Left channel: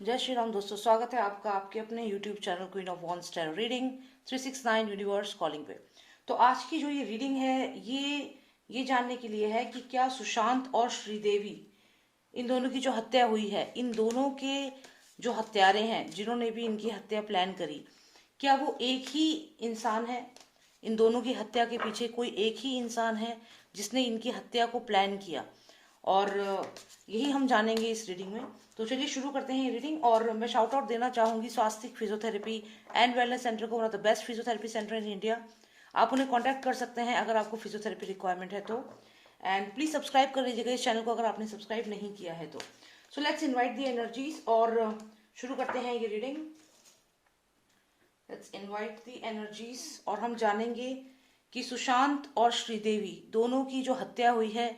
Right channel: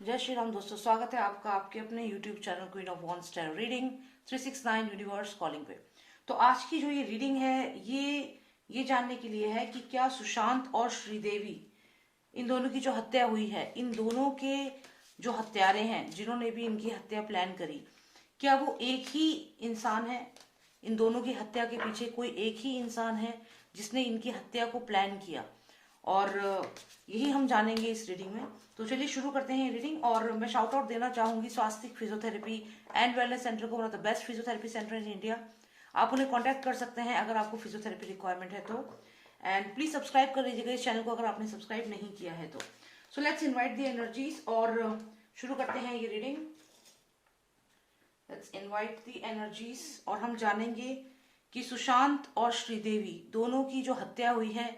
जय श्री राम दोस्तों, स्वागत है आपका आपके अपने YouTube channel queen of wands tarot reading 369 universe calling पे। तो आज की जो ये रीडिंग है ये जानने के लिए है कि क्या सुशांत और श्रीदेवी, इन दोनों की जो हत्या हुई है, इन दोनों के जो हत्यारे हैं जिन्होंने भी इनकी हत्या प्लान करी, क्या वो एक ही इंसान है? इन दोनों की हत्या के पीछे कोई एक ही इंसान है जिसने इनकी हत्या को प्लान किया? और यही हम जानेंगे इस रीडिंग में। तो चलिए शुरू करते हैं ये रीडिंग। और मैं शाउट आउट देना चाहूंगी स्वास्तिक फिजियोथेरेपी एंड वेलनेस सेंटर को, one of the best physiotherapy centre in India. आप उन्हें कांटेक्ट कर सकते हैं अगर आपको फिजियोथेरेपी रिक्वायरमेंट है तो। एंड प्लीज सब्सक्राइब कर लीजिएगा इस चैनल को अगर आपने सब्सक्राइब नहीं किया है तो। So let's invite the energies और शुरू करते हैं ये reading. Let's invite the energies और हम जानेंगे कि सुशांत और श्रीदेवी दोनों की जो हत्या हुई है,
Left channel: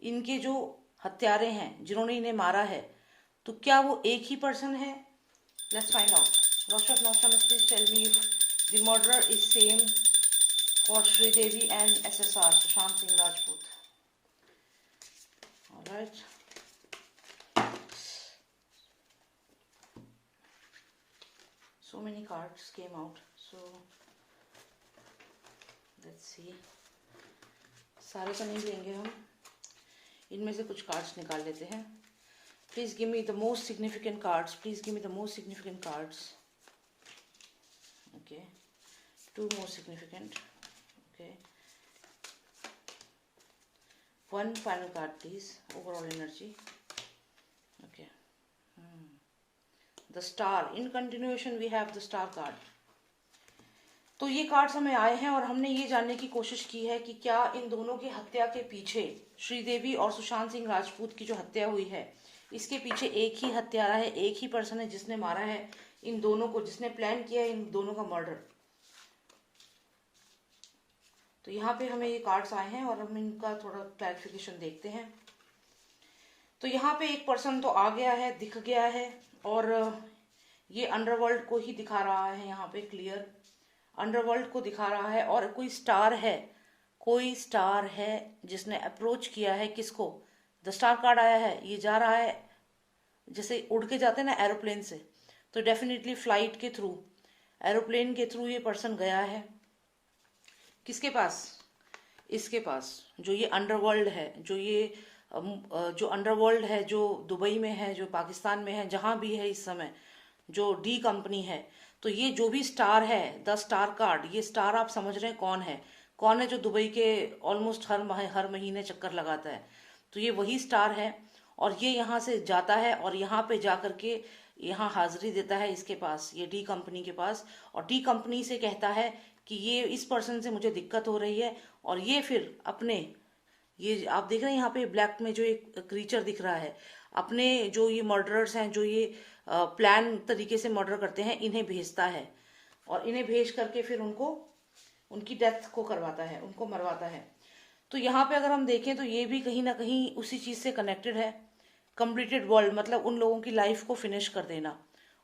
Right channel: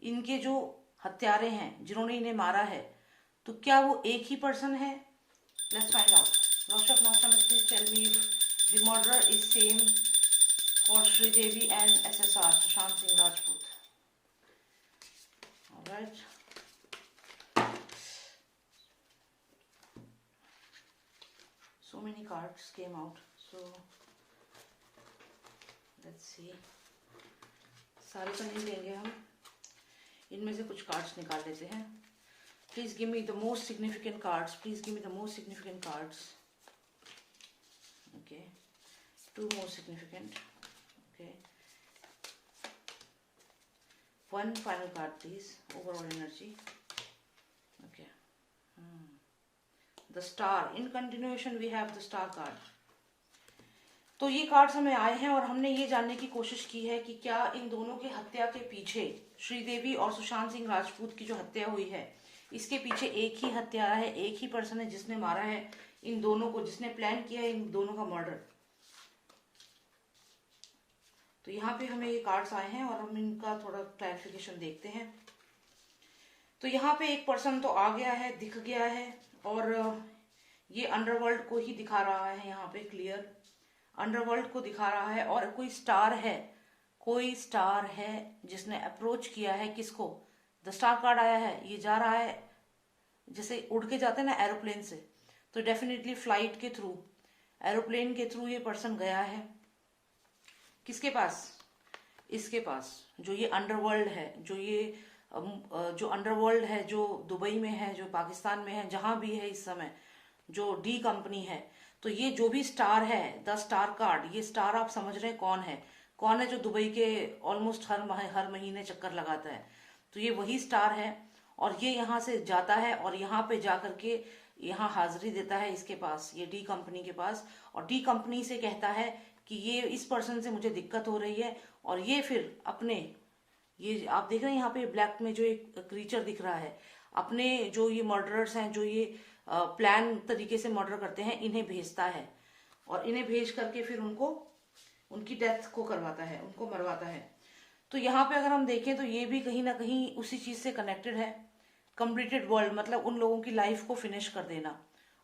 इनके जो हत्यारे हैं जिन्होंने इन्हें मारा है, तो क्या वो एक ही पर्सन है? Let's find out. रोशक नोस्टम please tell me if the murder is same for Sridevi and SSR Sushant Singh Rajput. Alright, so many cards came out, so let's see। सारे तो नहीं लेंगे हम, इनमें से कुछ कार्ड्स निकाल लेते हैं। Please give me the most significant cards, please give me the most significant cards. Okay, 2 most significant. Okay, 1 final card please, overall energy. Okay, the star, in continuation we have the star card. तो ये cards हमें आए हैं और हमने ये जानने की कोशिश की है कि क्या इन दोनों की हत्या के पीछे, श्रीदेवी और सुशांत सिंह राजपूत की जो हत्या हुई है, इसके पीछे एक ही हत्यारा है, एक ही पर्सन है जिसने मारा है इन दोनों को, जिसने प्लान किया है इन दोनों का मर्डर। तो यहाँ पे हमें ये कार्ड्स आए हैं और हम इनका थोड़ा क्लैरिफिकेशन देखते हैं। तो यहाँ पे एक पर्सन तो आ गया है, दिख गया है, और ये अंडरवर्ल्ड को ही दिखा रहा है। यहाँ पे क्लियर अंडरवर्ल्ड को दिखा रहा है और कोई स्टार है, कोई स्टार है जिसने अप्रोच किया है किसको? द स्टार कार्ड आया है, ये जा रहा है जैसे उड़ के जाते हैं ना एरोप्लेन से, तो डेफिनेटली फ्लाइट के थ्रू, एरोप्लेन के थ्रू ये पर्सन गया है किसके पास? इसके पास, जो ये अंडरवर्ल्ड है, जो अंडरवर्ल्ड है, जो दुबई में है, जो पाकिस्तान में है, जहां भी है इस समय, जो डी कंपनी है। तो ये जो भी स्टार है, द स्टार कार्ड, ये स्टार आप समझ रहे हैं कौन है? कौन है जो दुबई के ऑलमोस्ट हर महीने चक्कर लगाता है? तो ये वही स्टार है और ये यहाँ से जाता है और यहाँ पे जाकर के यहाँ हाजिरी देता है इसके पास, ये डी कंपनी के पास, और डी कंपनी से कहता है कि ये इस पर्सन से मुझे दिक्कत हो रही है। और ये फिर अपने, ये आप देख रहे हैं यहाँ पे ब्लैक में जो एक क्रीचर दिख रहा है, अपने जो ये मर्डरर्स हैं, जो ये प्लान तरीके से मर्डर करते हैं, इन्हें भेजता है और इन्हें भेज करके फिर उनको उनकी डेथ को करवाता है, उनको मरवाता है। तो यहाँ पे अगर हम देखें तो ये भी कहीं ना कहीं उसी चीज से कनेक्टेड है। कंप्लीटेड वर्ल्ड मतलब उन लोगों की लाइफ को फिनिश कर देना,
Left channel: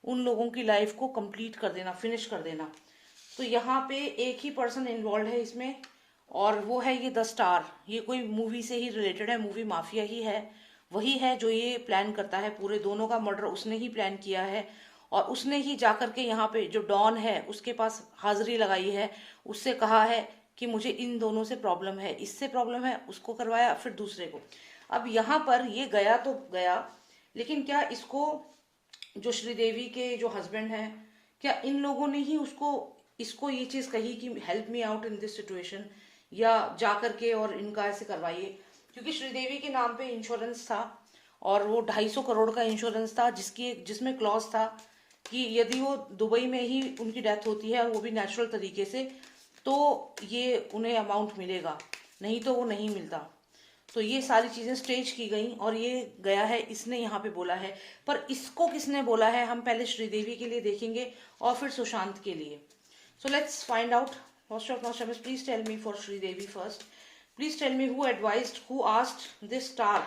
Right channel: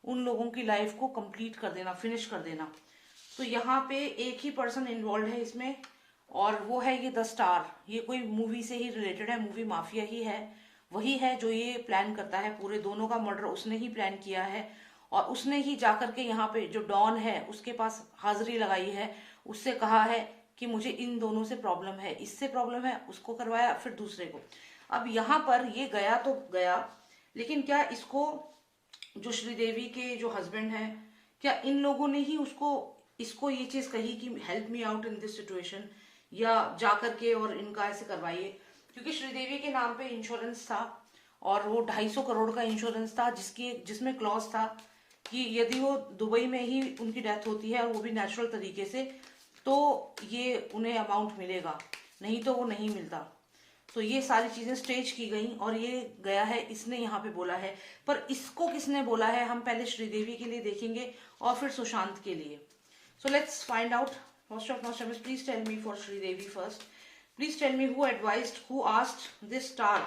उन लोगों की लाइफ को कंप्लीट कर देना, फिनिश कर देना। तो यहाँ पे एक ही पर्सन इन्वॉल्व है इसमें और वो है ये द स्टार। ये कोई मूवी से ही रिलेटेड है, मूवी माफिया ही है, वही है जो ये प्लान करता है। पूरे दोनों का मर्डर उसने ही प्लान किया है और उसने ही जाकर के यहाँ पे जो डॉन है उसके पास हाजिरी लगाई है, उससे कहा है कि मुझे इन दोनों से प्रॉब्लम है, इससे प्रॉब्लम है, उसको करवाया, फिर दूसरे को। अब यहाँ पर ये गया तो गया, लेकिन क्या इसको, जो श्रीदेवी के जो हस्बैंड हैं, क्या इन लोगों ने ही इसको ये चीज कही कि help me out in this situation, या जाकर के और इनका ऐसे करवाइए? क्योंकि श्रीदेवी के नाम पे इंश्योरेंस था और वो 250 करोड़ का इंश्योरेंस था, जिसमें क्लॉज था कि यदि वो दुबई में ही उनकी डेथ होती है और वो भी नेचुरल तरीके से, तो ये उन्हें अमाउंट मिलेगा, नहीं तो वो नहीं मिलता। तो ये सारी चीजें स्टेज की गई और ये गया है, इसने यहाँ पे बोला है। पर इसको किसने बोला है, हम पहले श्रीदेवी के लिए देखेंगे और फिर सुशांत के लिए। So let's find out. Most of Nostradamus, please tell me for Sridevi first. Please tell me who advised, who asked this star,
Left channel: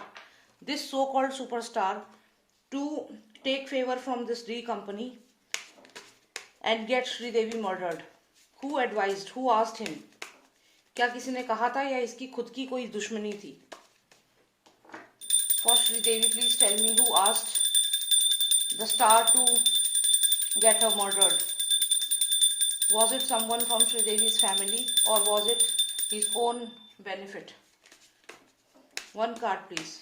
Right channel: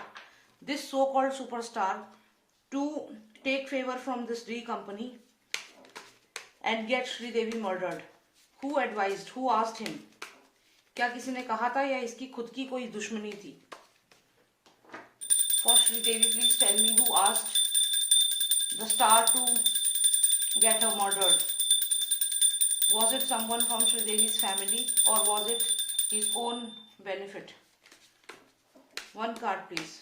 this so-called superstar, to take favor from this D company and get Sridevi murdered. Who advised, who asked him? क्या किसी ने कहा था या इसकी खुद की कोई दुश्मनी थी? For Sridevi, please tell me who asked the star to get her murdered. Was it someone from Sridevi's family or was it his own benefit? One card please.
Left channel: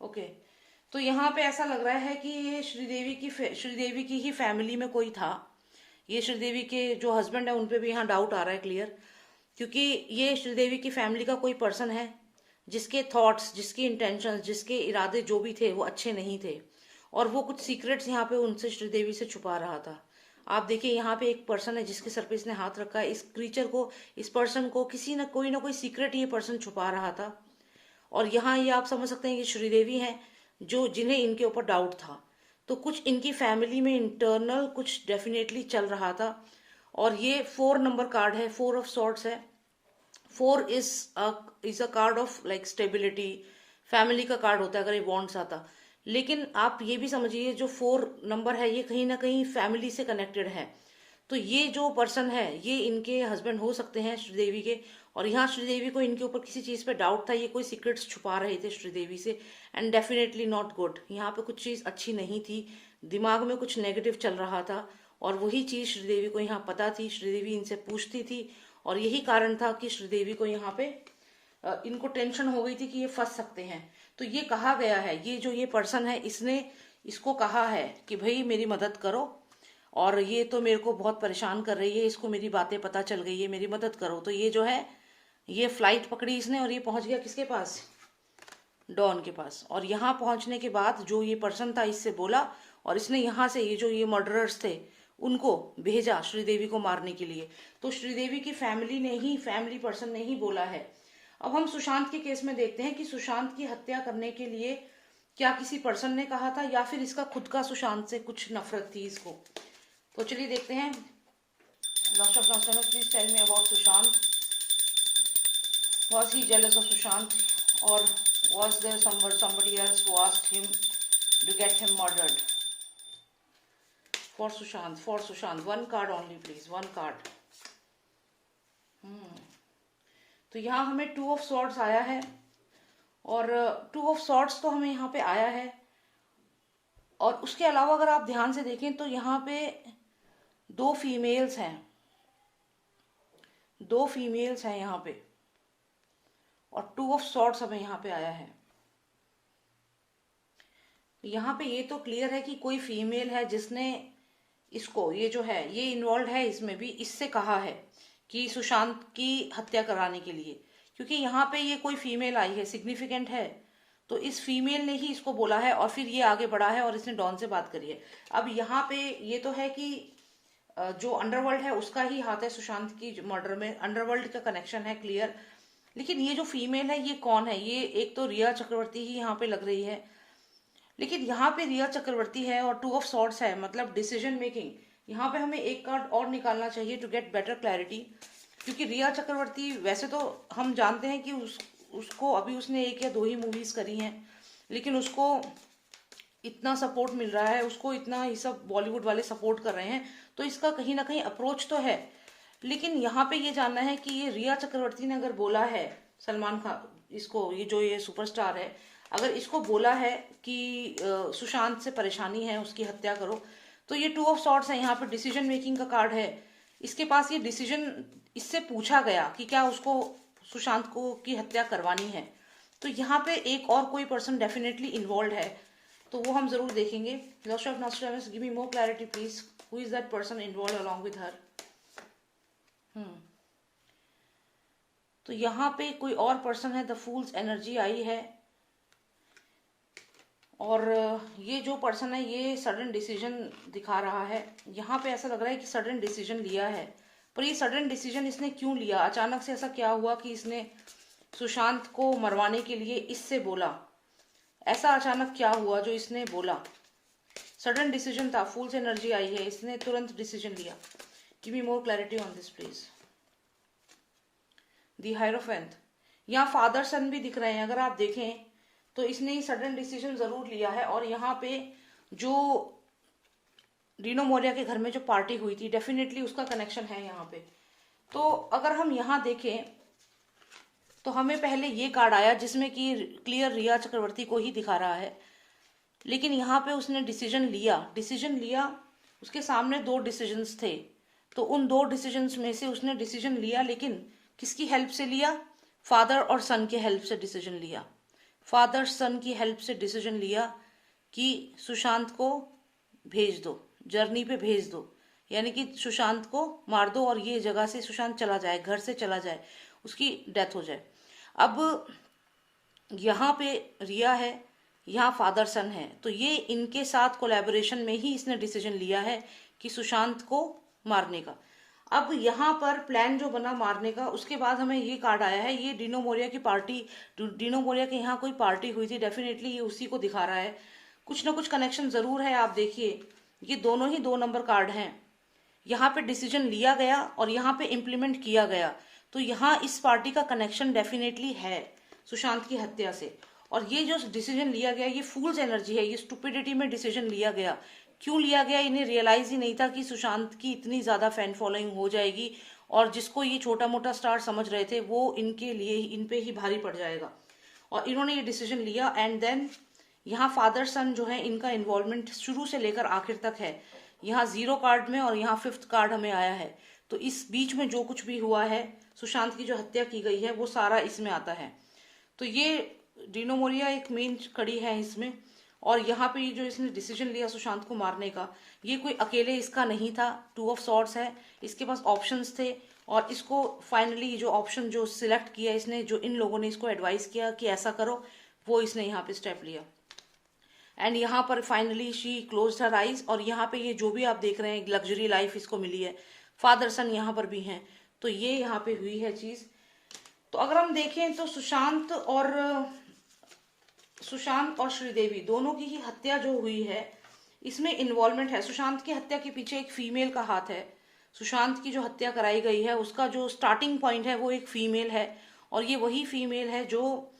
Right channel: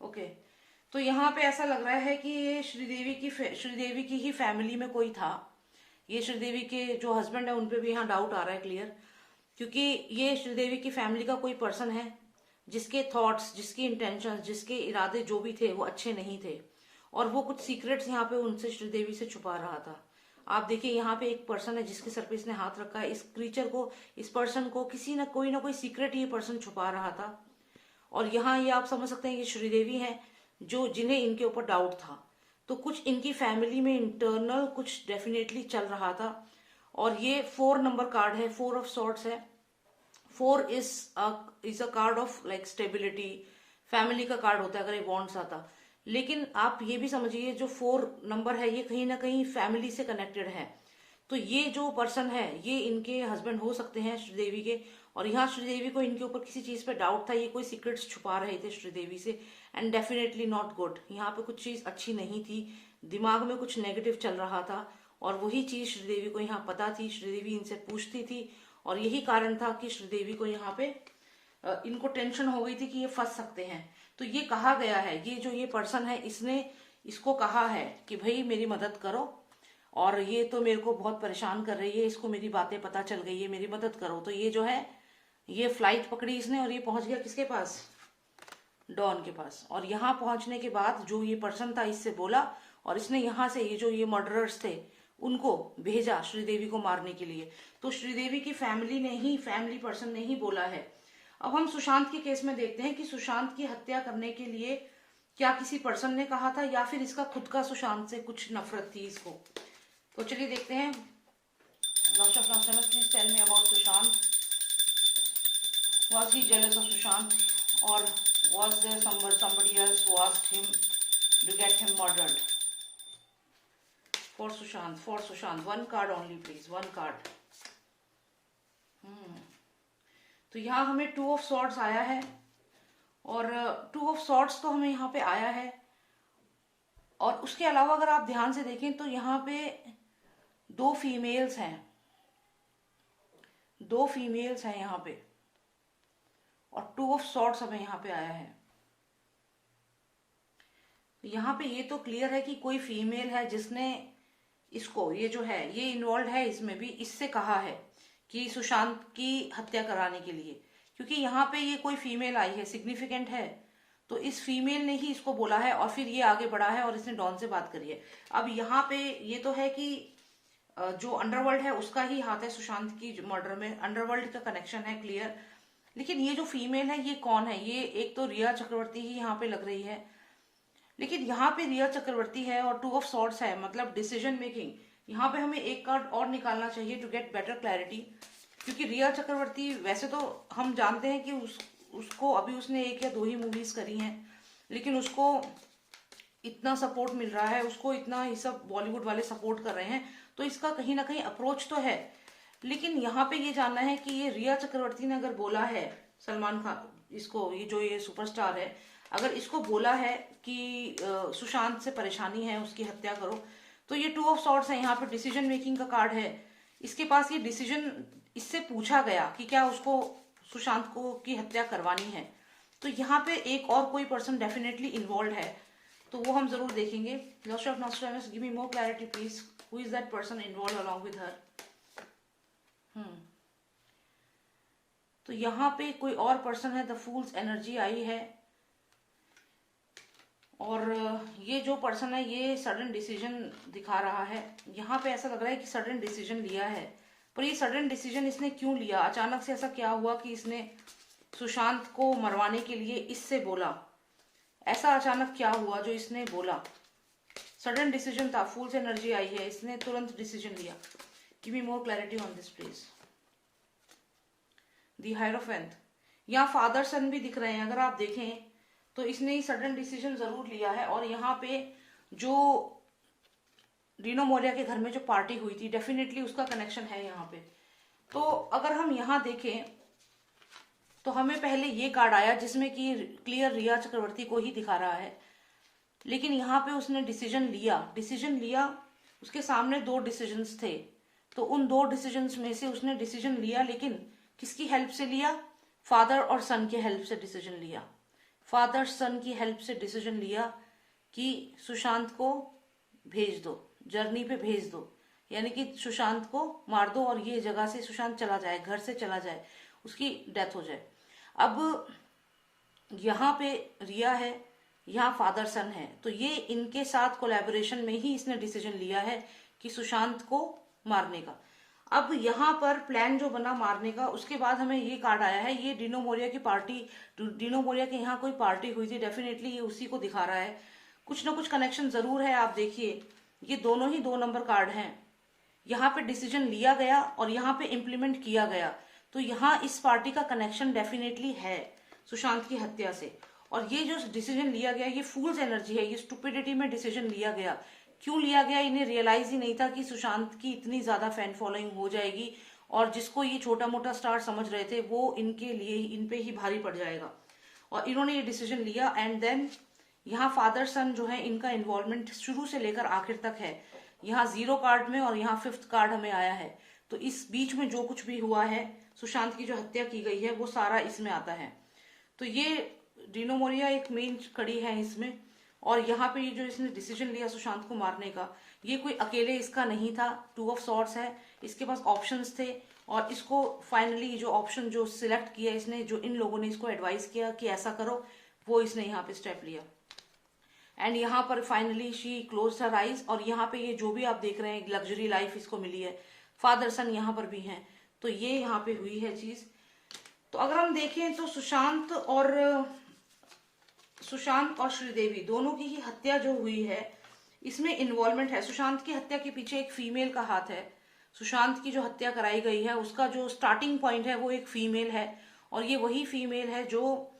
Okay तो यहाँ पे ऐसा लग रहा है कि ये श्रीदेवी की ही फैमिली में कोई था। ये श्रीदेवी के जो हस्बैंड है उन पे भी यहाँ डाउट आ रहा है क्लियर, क्योंकि ये श्रीदेवी की फैमिली का कोई पर्सन है जिसके थॉट्स, जिसके इंटेंशंस, जिसके इरादे जो भी थे वो अच्छे नहीं थे और वो कुछ सीक्रेट्स यहाँ पे उनसे श्रीदेवी से छुपा रहा था। आप देखिए यहाँ पे एक पर्सन है जिसके सर पे इसने हाथ रखा है। इस क्रीचर को, इस पर्सन को किसी ना कोई सीक्रेट ये पर्सन छुपा रहा था और यहाँ ये आप समझ सकते हैं कि श्रीदेवी हैं जो जिन्हें इनके ऊपर डाउट था। तो कुछ इनकी फैमिली में इंटरनल कुछ डेफिनेटली चल रहा था और ये 4 नंबर कार्ड है, 4 ऑफ सॉर्ड्स है। 4 is a card of like stability, family का कार्ड होता है अगर ये बॉन्ड्स आता। लेकिन आप ये भी समझिए जो 4 नंबर है ये कहीं ना कहीं फैमिली से कनेक्टेड है। तो ये जो पर्सन है ये इनके हस्बैंड हो सकते हैं श्रीदेवी के, और यहाँ श्रीदेवी को इनके ऊपर किसी चीज पे डाउट था, ये कोई सीक्रेट्स छुपा रहे थे श्रीदेवी से एंड डेफिनेटली नॉट गुड। यहाँ पे कुछ चीज अच्छी नहीं थी, दिमाग में कुछ नेगेटिव चल रहा था और वही चीज श्रीदेवी को यहाँ पता थी। श्रीदेवी इनसे पूछती थी और यही कारण था कि श्रीदेवी को यहाँ पे इनको टेंशन हो गई थी कि ये फंस सकते हैं। तो ये कहा गया है, ये जो ये पर्सन है इसने इसको कहा है कि भाई मेरी मदद करो और ये तो मेरे को बहुत परेशान कर रही है, इसको मेरी बातें पता चल गई है, मेरी मदद करो। तो ये जो है ये फ्लाइट पकड़ी इसने और ये पहुंच गया किसके पास, डॉन के पास। और यहाँ पहुंचने के बाद जो ये पर्सन था इससे बोला और इसने यहाँ से ये जो ये मर्डरर्स थे उनको भेजा श्रीदेवी को मारने के लिए। तो श्रीदेवी की फैमिली पर्सन ने ही बोला है। अब हम सुशांत के केस में देखते हैं कि सुशांत की हत्या करने के लिए क्या किसी पर्सन ने कहा था या फिर इसका खुद का सुशांत से कुछ नफरत थी इसको। तो चलिए देखते हैं। Please tell me about Sushant. Was he jealous of Sushant or was there somebody else who asked him to get him murdered? For Sushant, one card only please, one card. तो यहाँ हमें 2 ऑफ सॉर्ड्स आया है और 2 of swords तो हमें यहाँ पे आया है और उसके अलावा अगर आप ध्यान से देखें तो यहाँ पे 2 फीमेल्स हैं, 2 फीमेल्स हैं यहाँ पे और 2 ऑफ सॉर्ड्स हमें यहाँ पे आया है। यहाँ पे ये तो क्लियर है कि कोई फीमेल है जिसने इसको, ये जो है ये इन्वॉल्व है इसमें भी, इससे कहा है कि सुशांत की हत्या कराने के लिए, क्योंकि यहाँ पे ये कोई फीमेल आई है, सिग्निफिकेंट है। तो इस फीमेल ने ही इसको बोला है और फिर ये आगे बढ़ा है और इसने डॉन से बात करी है। अब यहाँ पे ये तो है कि जो अंडरवर्ल्ड है उसका ही हाथ है सुशांत की मर्डर में, अंडरवर्ल्ड का कनेक्शन है क्लियर। लेकिन ये जो फीमेल है ये कौन है, ये एक तो रिया चक्रवर्ती ही यहाँ पे लग रही है। लेकिन यहाँ पे रिया चक्रवर्ती है और 2 ऑफ सॉर्ड्स है, मतलब डिसीजन मेकिंग। यहाँ पे हमें एक कार्ड और निकालना चाहिए टू गेट बेटर क्लैरिटी, क्योंकि रिया चक्रवर्ती वैसे तो हम जानते हैं कि उसको अभी उसने 1 या 2 ही मूवीज करी हैं, लेकिन उसको इतना सपोर्ट मिल रहा है, उसको इतना ये सब बॉलीवुड वाले सपोर्ट कर रहे हैं, तो इसका कहीं ना कहीं अप्रोच तो है। लेकिन यहाँ पे ये जानना है कि ये रिया चक्रवर्ती ने अगर बोला है सलमान खान, इसको ये जो ये सुपरस्टार है, अगर इसको बोला है कि सुशांत से परेशानी है उसकी हत्या करो, तो ये 2 ऑफ सॉर्ड्स है, यहाँ पे डिसीजन मेकिंग का कार्ड है। इसके पास ये डिसीजन, इससे पूछा गया कि क्या उसको सुशांत को की हत्या करवानी है। तो यहाँ पे एक और कोई पर्सन डेफिनेटली इन्वॉल्व है, तो वो हम जरूर देखेंगे। Lord of Nostradamus, give me more clarity please, who is that person involve along with her. तो यहाँ पे कोई और पर्सन है, द फूल्स एनर्जी आई है और ये जो पर्सन है ये सडन डिसीजन दिखा रहा है। यहाँ पे ऐसा लग रहा है कि सडन डिसीजन लिया है, पर ये सडन डिसीजन इसने क्यों लिया, अचानक से ऐसा क्या हुआ कि इसने सुशांत को मरवाने के लिए इससे बोला, ऐसा अचानक क्या हुआ जो इसने बोला। सडन डिसीजन था, फूल्स एनर्जी आई है, इसने तुरंत डिसीजन लिया। Give me more clarity on this please. The hierophant, यहाँ फादर सन भी दिख रहे हैं, अगर आप देखें तो इसने ही सडन डिसीजन जरूर लिया है। और यहाँ पे जो रीनो मोरिया के घर में जो पार्टी हुई थी, डेफिनेटली उसका कनेक्शन है यहाँ पे। तो अगर हम यहाँ देखें तो हमें पहले ये कार्ड आया जिसमें कि क्लियर रिया चक्रवर्ती को ही दिखा रहा है। लेकिन यहाँ पे उसने डिसीजन लिया, उसके सामने 2 डिसीजंस थे, तो उन 2 डिसीजंस में से उसने डिसीजन लिया, लेकिन किसकी हेल्प से लिया? फादर और सन के हेल्प से डिसीजन लिया। फादर सन की हेल्प से डिसीजन लिया कि सुशांत को भेज दो, जर्नी पे भेज दो, यानी कि सुशांत को मार दो और ये जगह से सुशांत चला जाए, घर से चला जाए, उसकी डेथ हो जाए। अब यहाँ पे रिया है, यहाँ फादर सन है, तो ये इनके साथ कोलैबोरेशन में ही इसने डिसीजन लिया है कि सुशांत को मारने का। अब यहाँ पर प्लान जो बना मारने का, उसके बाद हमें ये कार्ड आया है, ये डिनो मोरिया की पार्टी, डिनो मोरिया के यहाँ कोई पार्टी हुई थी, डेफिनेटली ये उसी को दिखा रहा है। कुछ ना कुछ कनेक्शन जरूर है। आप देखिए, ये दोनों ही 2 नंबर कार्ड हैं। यहाँ पे डिसीजन लिया गया और यहाँ पे इम्प्लीमेंट किया गया, तो यहाँ इस पार्टी का कनेक्शन डेफिनेटली है सुशांत की हत्या से। और ये जो डिसीजन लिया गया, ये फूल्स एनर्जी है, ये स्टुपिडिटी में डिसीजन लिया गया। क्यों लिया गया? इन्हें रियलाइज ही नहीं था कि सुशांत की इतनी ज्यादा फैन फॉलोइंग हो जाएगी, और जिसको ये छोटा मोटा स्टार समझ रहे थे वो इनके लिए इन पे ही भारी पड़ जाएगा, और इन्होंने ये डिसीजन लिया। एंड देन यहाँ फादर सन जो है, इनका इन्वॉल्वमेंट शुरू से लेकर आखिर तक है। यहाँ 0 कार्ड में और यहाँ 5th कार्ड हमें आया है, तो इस बीच में जो कुछ भी हुआ है, सुशांत की जो हत्या की गई है, वो सारा इसमें आता है। तो ये डिनो मोरिया एक मेन कड़ी है इसमें। और यहाँ पे ये जो इसने डिसीजन लिया सुशांत को मारने का, ये कोई अकेले इसका नहीं था। 2 ऑफ सॉर्ड्स है, इसके पास ऑप्शंस थे, और इसको फाइनली जो ऑप्शन जो सिलेक्ट किया इसने, जो इन लोगों ने इसको एडवाइस किया कि ऐसा करो, वो इसने यहाँ पे स्टेप लिया। एंड यहाँ पर finally she closed her eyes, और यहाँ पे ये जो भी आप देख रहे हैं लग्जरी लाइफ इसको मिली है। फादर सन यहाँ पर भी हैं, तो ये यहाँ पे हुई है चीज। तो अगर हम देखें तो सुशांत और श्रीदेवी दोनों की ही हत्या जो हुई है, इसमें इन्वॉल्वमेंट है। सुशांत की हत्या के पीछे एक फीमेल का हाथ है। सुशांत की जो हत्या कराई गई है, उसका जो स्टार्टिंग पॉइंट है वो एक फीमेल है, और ये वही फीमेल है जो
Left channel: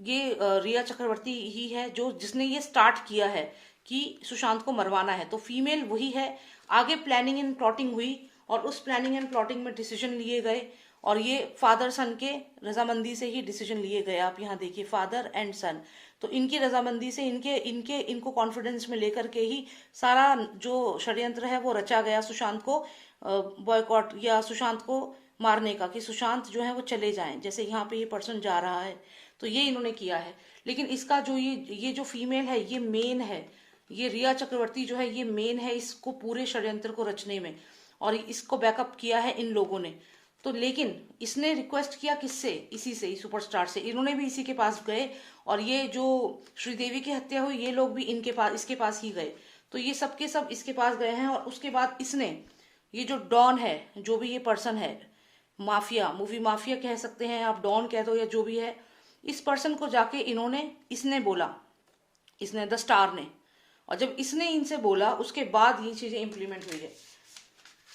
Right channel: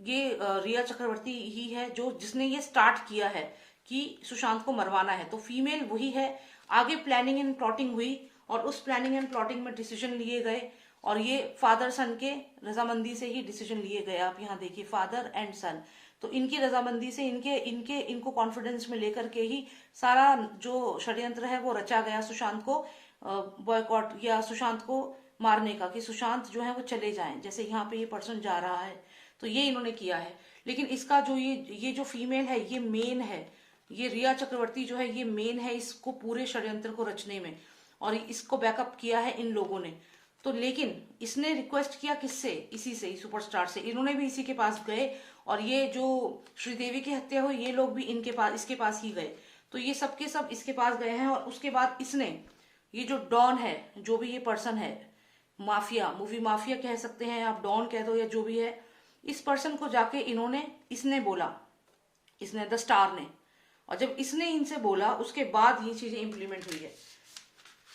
रिया चक्रवर्ती ही है जो जिसने ये स्टार्ट किया है कि सुशांत को मरवाना है। तो फीमेल वही है। आगे प्लानिंग एंड प्लॉटिंग हुई, और उस प्लानिंग एंड प्लॉटिंग में डिसीजन लिए गए, और ये फादर सन के रजामंदी से ही डिसीजन लिए गए। आप यहाँ देखिए, फादर एंड सन, तो इनकी रजामंदी से, इनको कॉन्फिडेंस में लेकर के ही सारा जो षड्यंत्र है वो रचा गया सुशांत को बॉयकॉट या सुशांत को मारने का, कि सुशांत जो है वो चले जाएं, जैसे यहाँ पे ये पर्सन जा रहा है, तो ये इन्होंने किया है। लेकिन इसका जो ये जो फीमेल है, ये मेन है, ये रिया चक्रवर्ती जो है ये मेन है इसको पूरे षड्यंत्र को रचने में, और इसको बैकअप किया है इन लोगों ने। तो लेकिन इसने रिक्वेस्ट किया किससे? इसी से, सुपरस्टार से। इन्होंने भी इसी के पास गए, और ये जो श्रीदेवी की हत्या हुई, ये लोग भी इसके पास ही गए। तो ये सबके सब इसके पास गए हैं, और उसके बाद इसने, ये जो डॉन है, जो भी ये पर्सन है, माफिया, मूवी माफिया कह सकते हैं आप, डॉन कह दो या जो भी है, इस पर्सन को जाके इसने बोला, इसने द स्टार ने, और जब इसने इनसे बोला उसके बाद ये चीजें इंप्लीमेंट हुई है।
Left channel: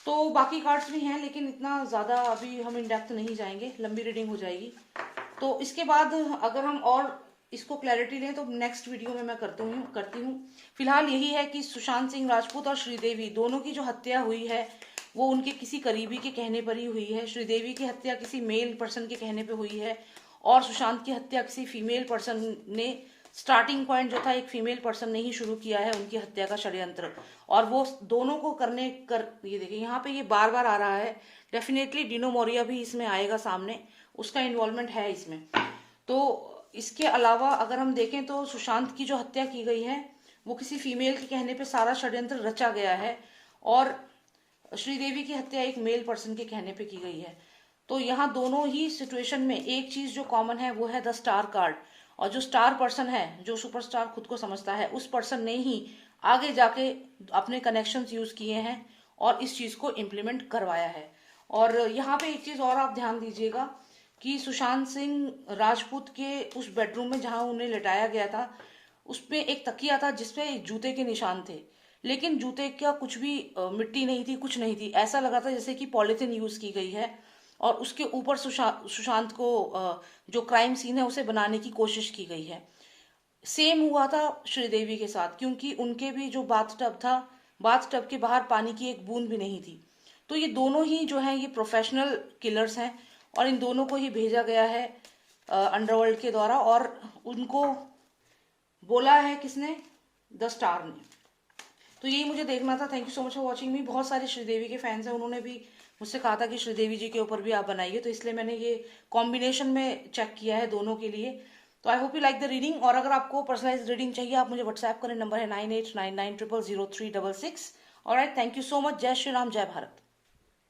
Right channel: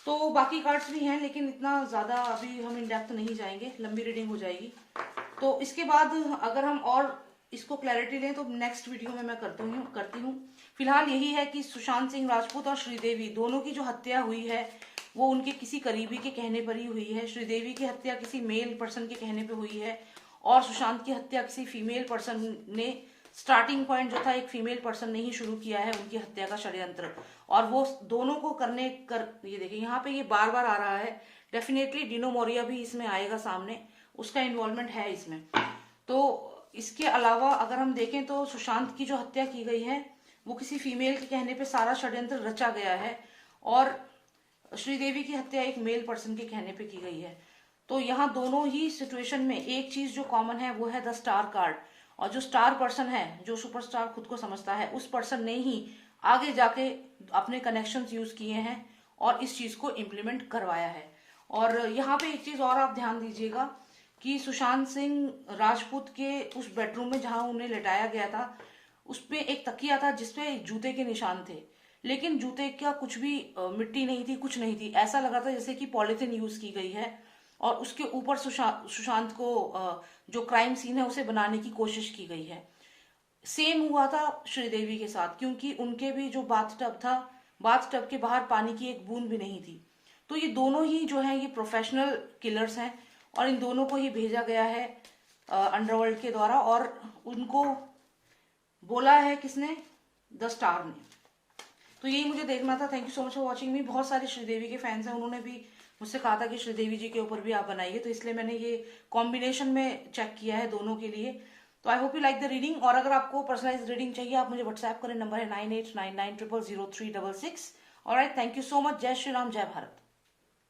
तो बाकी कार्ड्स भी हैं, लेकिन इतना ज्यादा अभी हम इन डेप्थ नहीं जाएंगे, लंबी रीडिंग हो जाएगी। तो इसके बाद अगर हम और इसको क्लैरिटी लें तो नेक्स्ट वीडियो में मैं करती हूँ। फिलहाल यही है कि सुशांत सिंह राजपूत और श्रीदेवी दोनों की जो हत्या हुई है वो उनके किसी करीबी के कहने पर ही हुई है। श्रीदेवी की हत्या किसी मेल पर्सन के कहने पर हुई है, और सुशांत की हत्या किसी फीमेल पर्सन ने, स्टार्टिंग पॉइंट जो था एक फीमेल पर्सन ने ही शुरू किया है उनकी हत्या का षड्यंत्र। और वो दोनों को ये देखिए यहाँ पे ये बार बार आ रहा है। डेफिनेटली डिनो मोरिया भी इसमें आएगा सामने, उसका इन्वॉल्वमेंट है इसमें। तो इसके अलावा अगर हम देखें तो सुशांत की जो हत्या की गई है वो किसी फीमेल के कहने पे सारा षड्यंत्र रचा गया है, और श्रीदेवी की हत्या एक मेल पर्सन के कहने पे की गई है। तो यहाँ दोनों ही सिचुएशन में एक चीज जो कॉमन है वो है द स्टार कार्ड, और जो स्टार पर्सन है, जो सुपरस्टार खुद को समझता है, उस पर्सन ने ही आगे जाके अपने कनेक्शंस यूज किए हैं और इस चीज को इम्प्लीमेंट करवाया है। और यहाँ पे एक चीज और आप ध्यान दीजिएगा कि सुशांत सिंह राजपूत के उस बेडरूम में जहां उन्हें लिटाया गया था, उसपे एक तकिया था जिसपे जूते के निशान थे, लेकिन जूते का कुछ भी मिट्टी नहीं थी, कुछ नहीं थी। ऐसा लगा था जैसे कि पॉलिथीन यूज की गई है, और उसके ऊपर सुशांत को जो क्राइम सीन है उसे बनाने की कोशिश की गई है। सेम हुआ था श्रीदेवी के साथ, क्योंकि उनके भी जो बाथटब था, बाथटब के बाहर पानी की एक बूंद भी नहीं थी। तो ये दोनों ही जो है ये प्रोफेशनल किलर्स हैं, और इन दोनों को ही भेजा गया है अंडरवर्ल्ड के द्वारा, और उनको बोला है किसने? द स्टार ने। तो यही मुझे देखना था। Thank you so much for watching मी। बहुत सारे श्रीदेवी के फैंस हैं, उन्होंने भी मुझसे कहा था कि श्रीदेवी जी के ऊपर भी आप बनाइए, तो इसलिए मैंने ये कॉम्बिनेशन में चेक किया है दोनों के लिए। तो I hope you like the reading. और अगर आपको पर्सनलाइज रीडिंग चाहिए आप मुझे व्हाट्सएप करें, नंबर है 9899000366। Alright, thank you so much. जय श्री राम, जय भारत।